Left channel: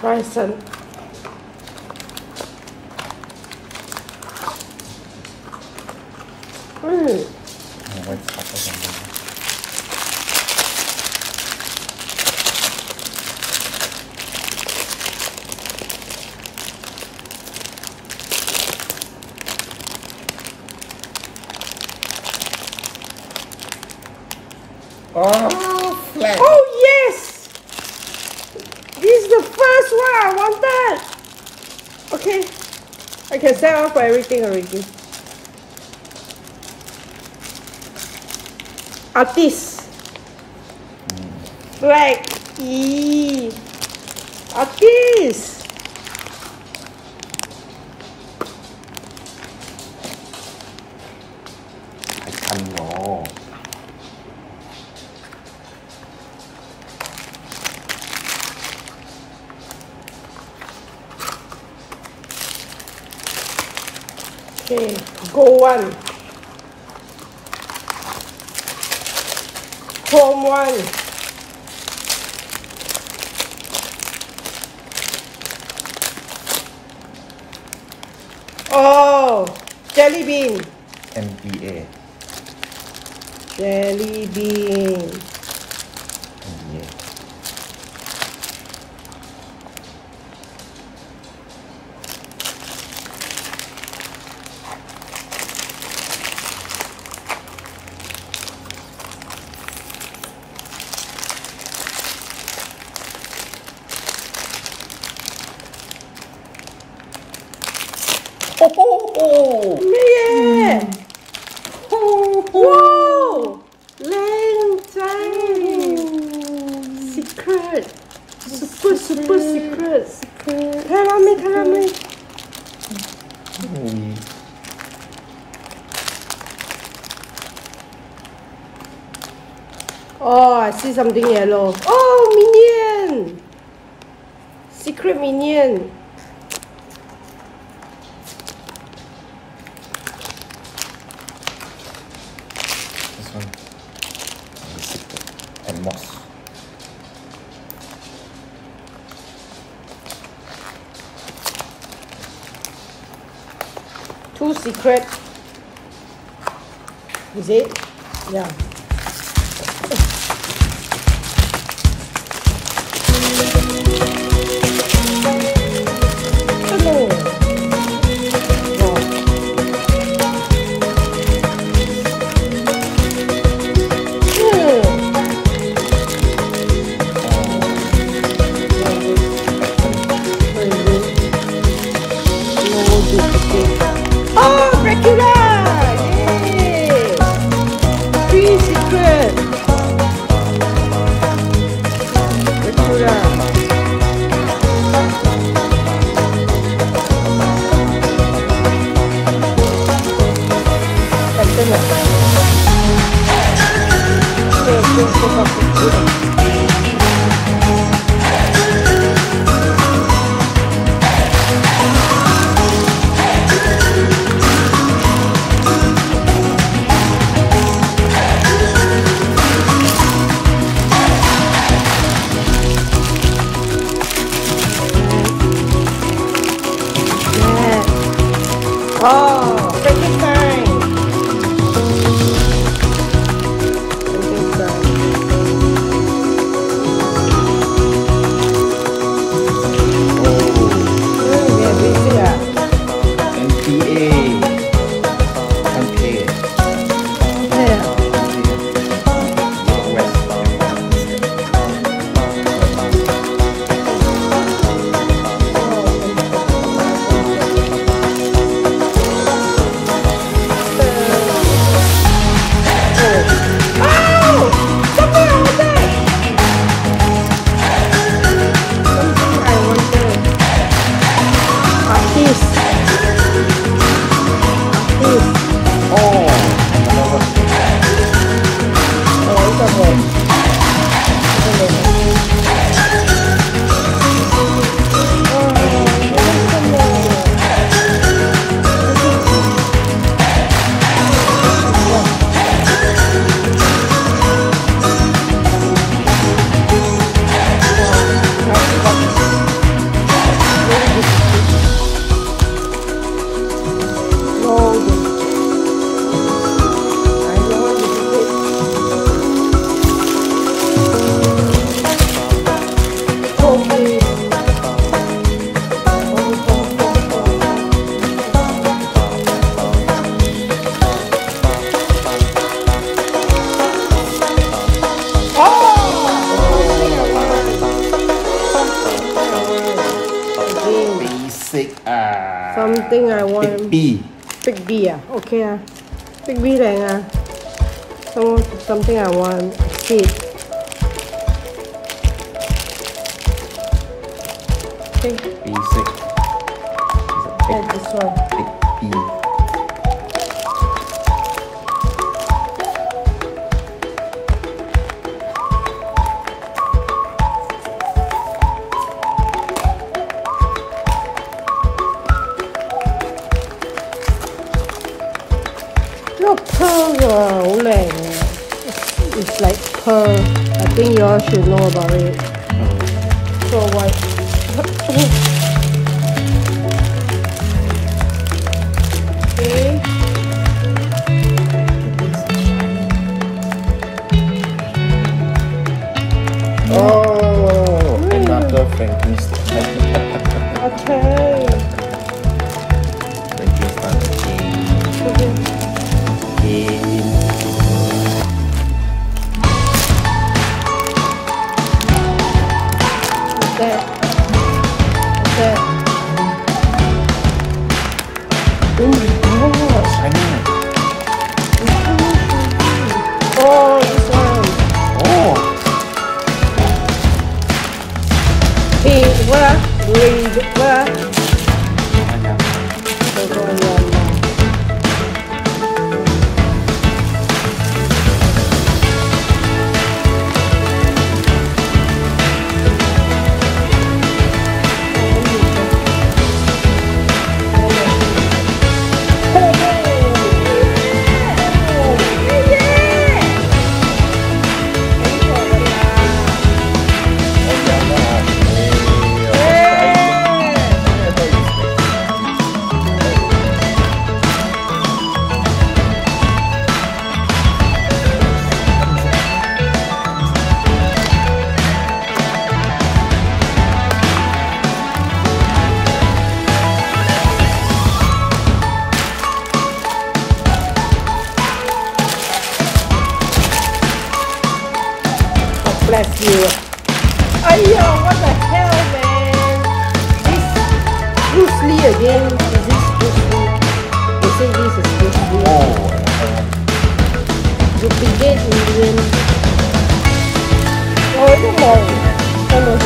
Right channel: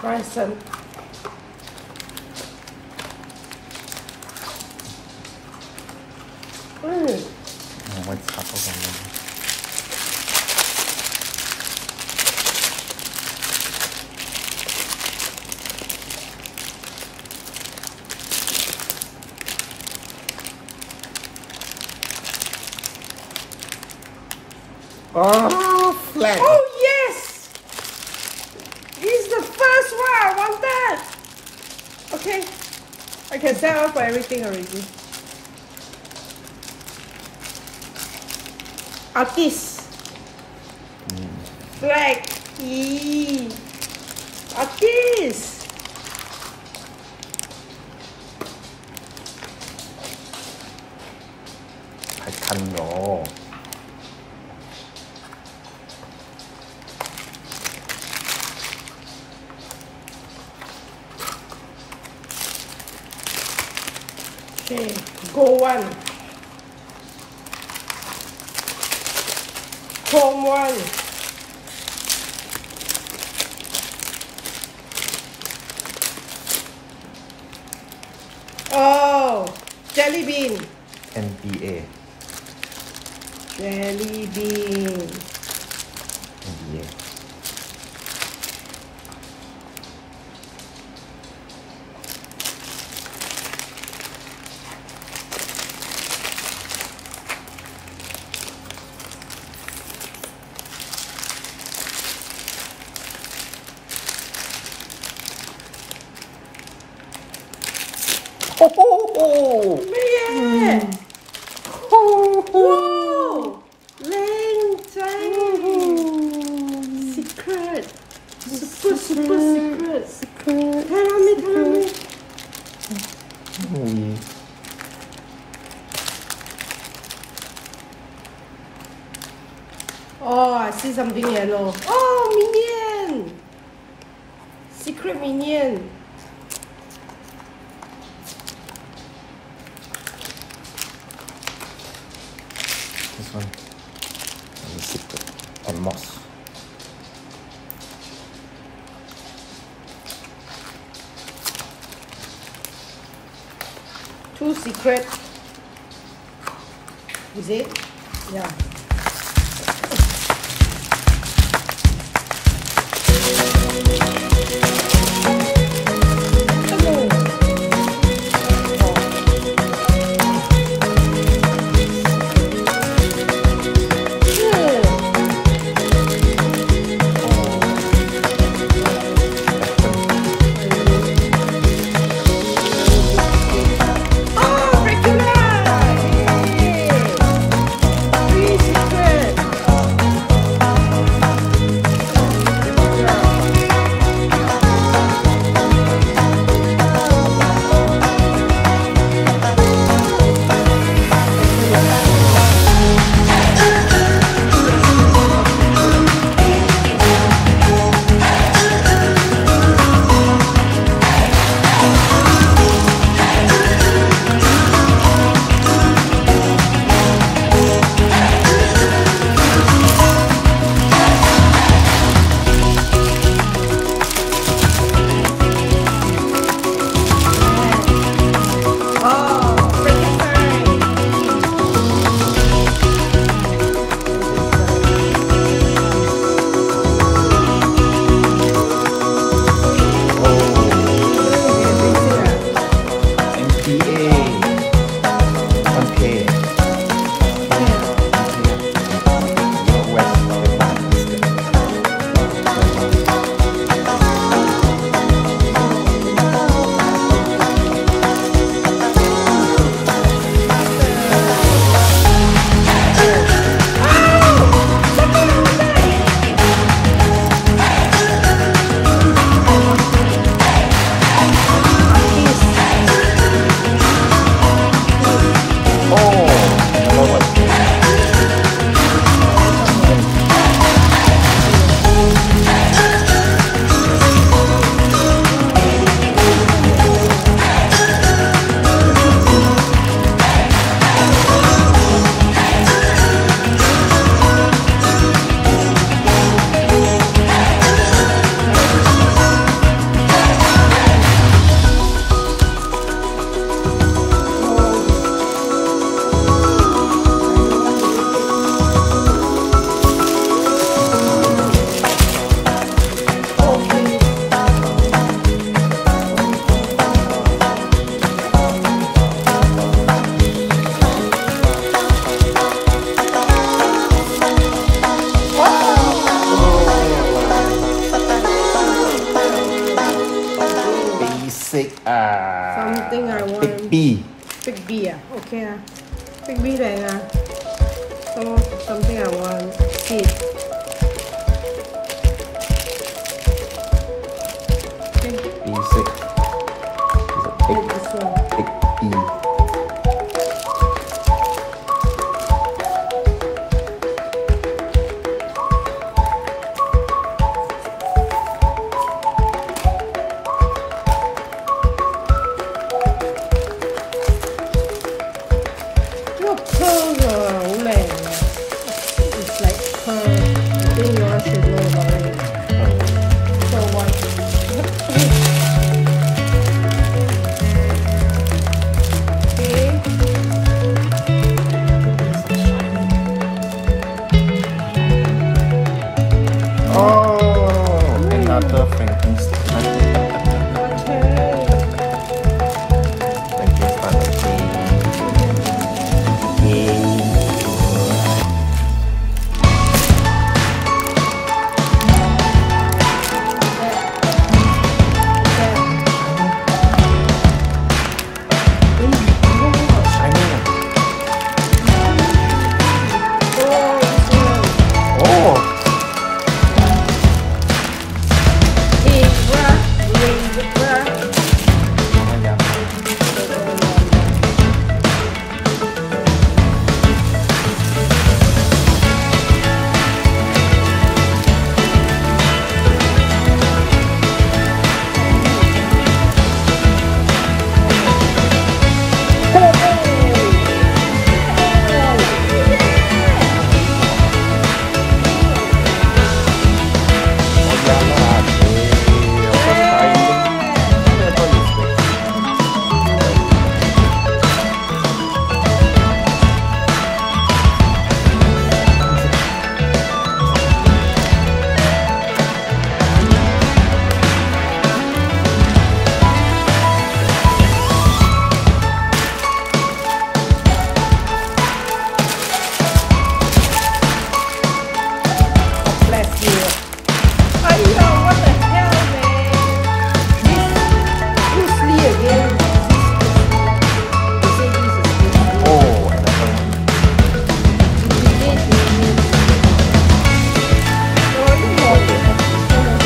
Present. Oh, flat. Oh yes! This is the first one. I want that. Okay, I can set off for everything already. Artist. Flag. E. Artist. I can't know. Okay, go one. Chrome one. Oh, jelly bean. NBA. Jelly bean. NBA. Oh, yeah. Wow. Lang secret. Super secret. Tell me. Oh, I see something yellow. Oh, minion. Secret minion. This one. And moss. Two secret. Is it? Yeah. B. Big B à? Okay à. Big B này à. So, something I want. See. Okay. B6. And this one. Big B. Your pearls are 好靚啊 It's like pearl. I think you all should know about it. So what? Okay. Oh, another Frankenstein. Okay. Bless you. Ayo, what the hell, man? This Bruce Lee again. This Bruce Lee. They say this is Bruce Lee. Oh, Duplicate is doing. Oh, come on. Come on.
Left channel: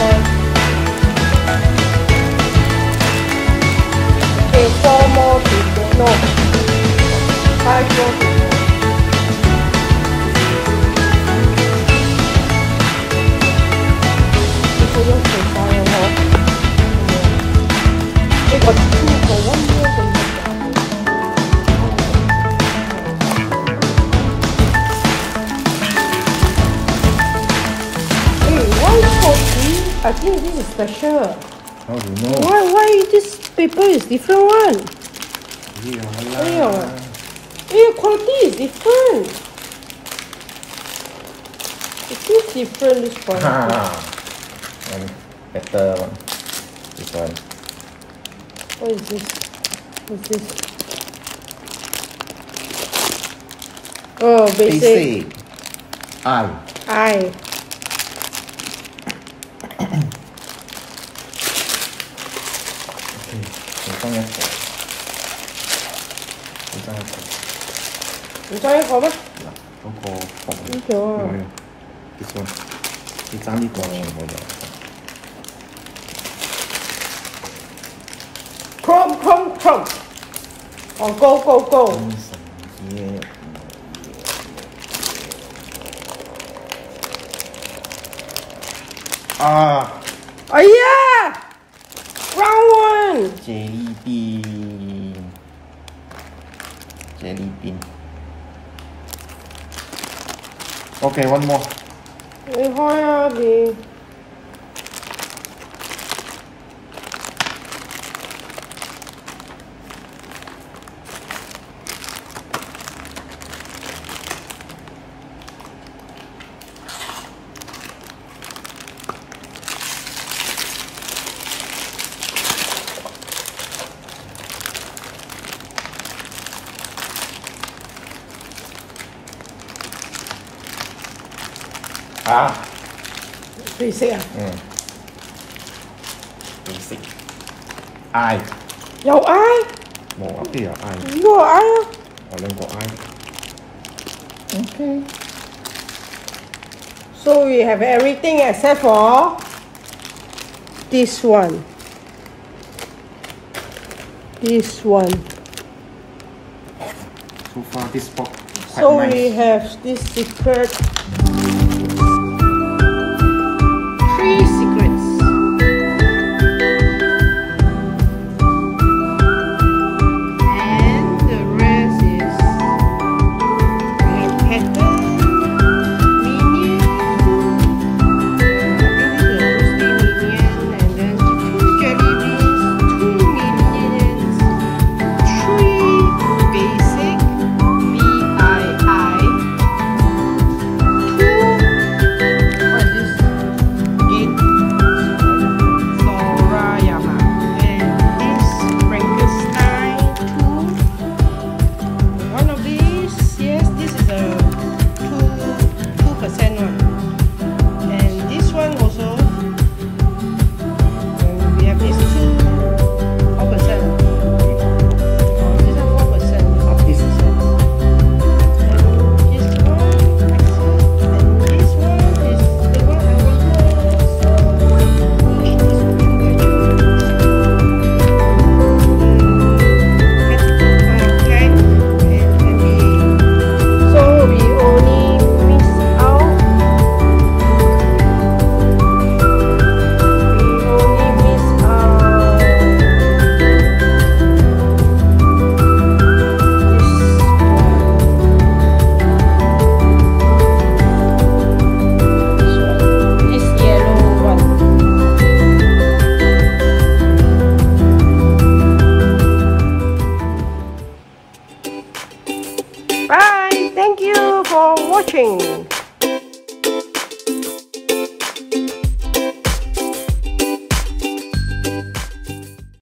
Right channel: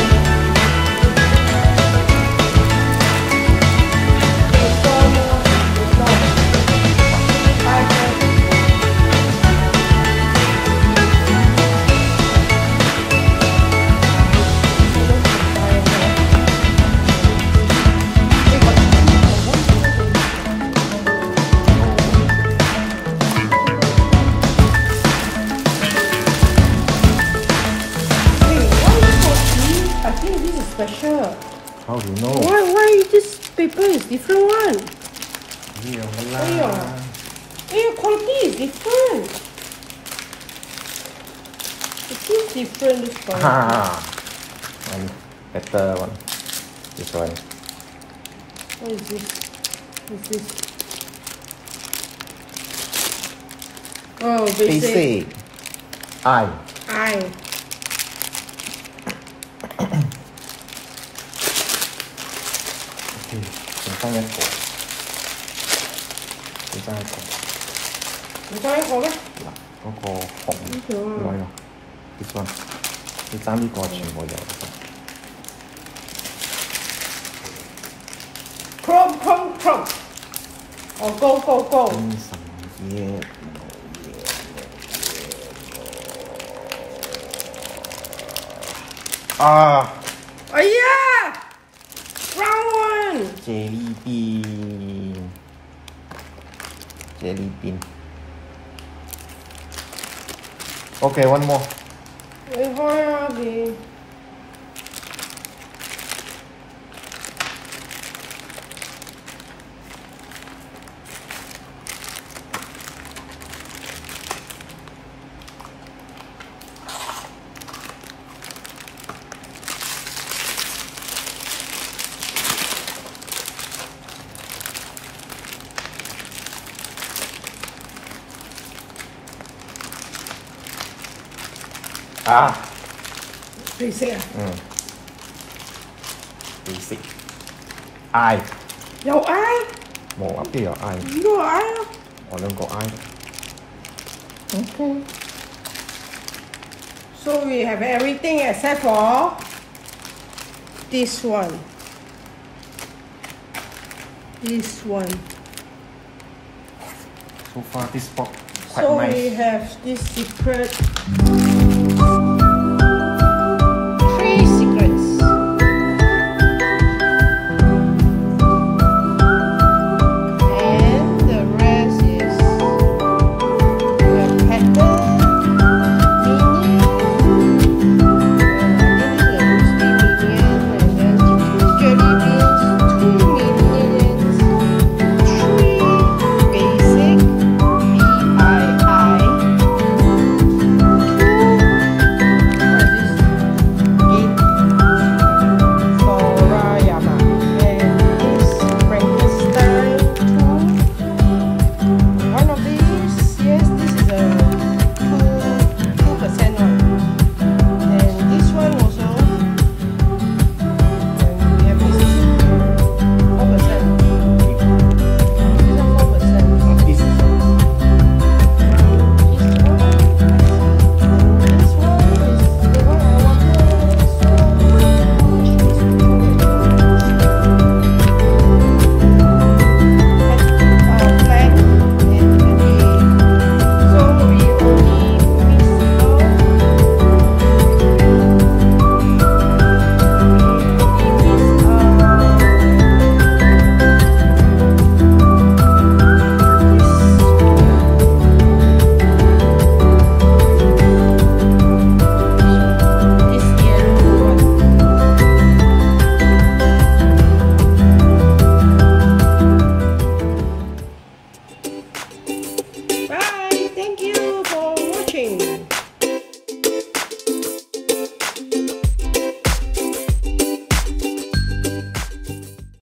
Okay, 4 more to go. No. 5 more. I think this is special. how do you know? Why this paper is different one? Quality is different. It seems different this one. One better one. This one. What is this? What's this? Oh, basic. I. Okay, 你放一個，你爭一個。你爭一個咩？嗱，嗰個紅。呢個。有。This one，你爭呢個全部有。Come. Oh, go. Oh yeah! Round one! Jelly bean. Okay, one more. Basic à? Basic. I. 有 I? 冇啊，邊有 I？ 呢個 I 啊，我兩個 I。Okay. So we have everything except for this one. This one. So far, this box quite So nice. we have this secret. 3 secrets. And the rest is we have pattern, minion. I think this is a minion, and then 2 jelly beans, 2 minions, 3 basic VII, 2 what is this? Sorayama, and this Frankenstein 2. One of these, yes, this is a 2% one, and this one also. We have this 4%. This is 4%. This is Bye. Thank you for watching.